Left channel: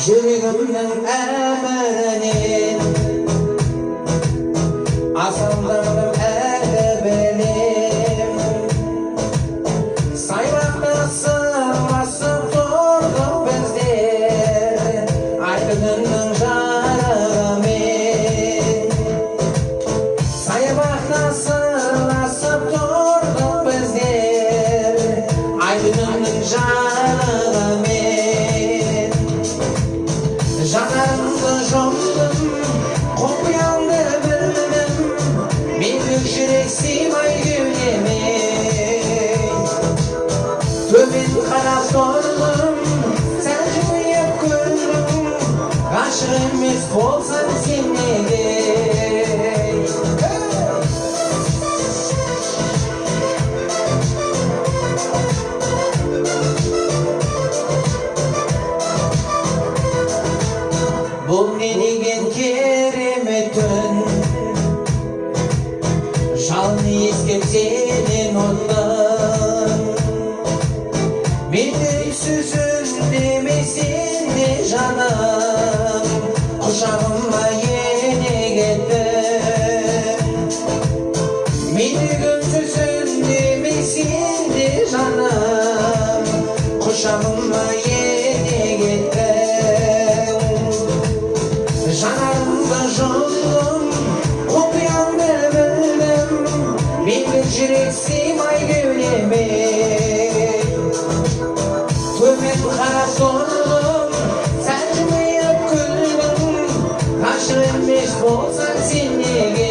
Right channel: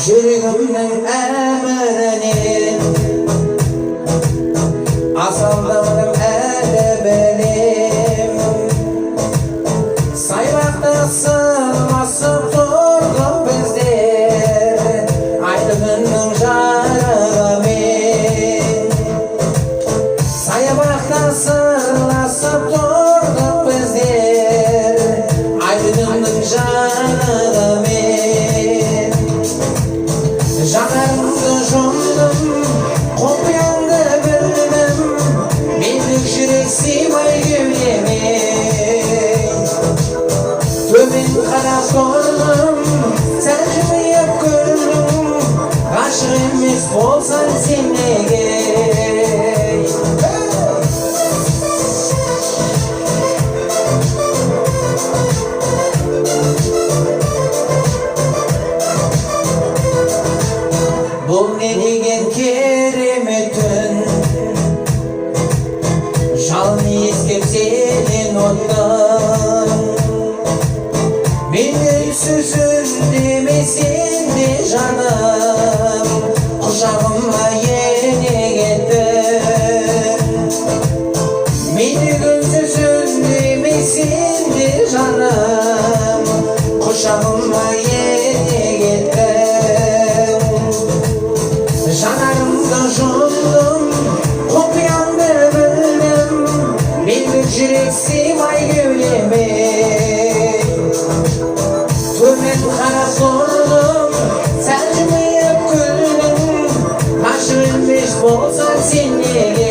жүрегімнің әміріне асылдым әлі білемін. Саябақта сырласып тұрдық біздер ай күнінің жарығымен. Саябақта сырласып тұрдық біздер ай күнінің жарығымен. Жанарымды жұмдым, құпияңды білдім, мендік жүрек сыймай кеудеме. Төмен қарап тұрдым, сәл жымиып күлдім, ғашық емес болсаң сен неге? Бұл не деген керемет түн, жалын иіскеп сенен оттың. Менде сөзін демесең де жаным, құшағыма ене кеттің. Менде сөзін демесең де жаным, құшағыма ене кеттің. Жанарымды жұмдым, құпияңды білдім, мендік жүрек сыймай кеудеме. Төмен қарап тұрдым, сәл жымиып күлдім, ғашық емес болсаң сен неге?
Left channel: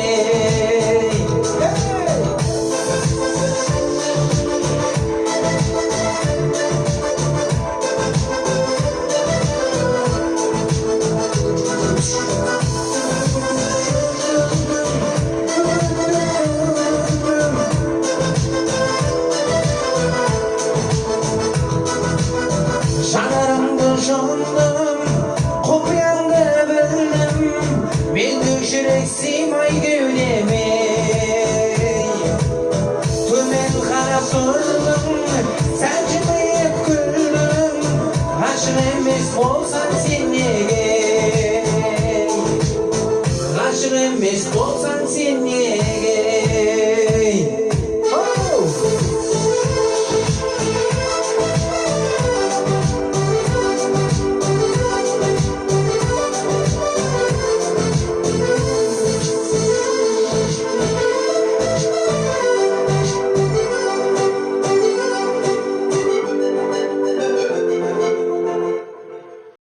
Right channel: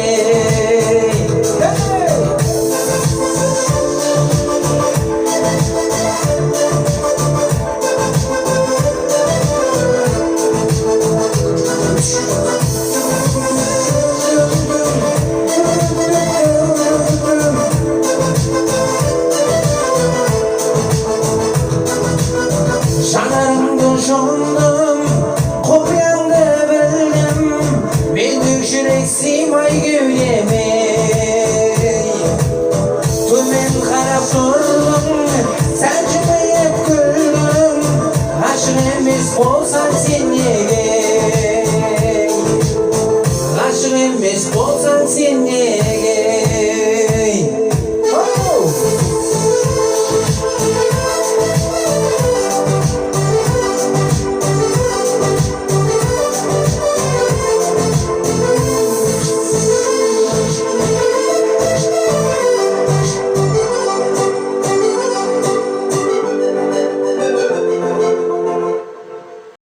Жанарымды жұмдым, құпияңды білдім, мендік жүрек сыймай кеудеме. Төмен қарап тұрдым, сәл жымиып күлдім, ғашық емес болсаң сен неге? Ғашық емес болсаң сен неге?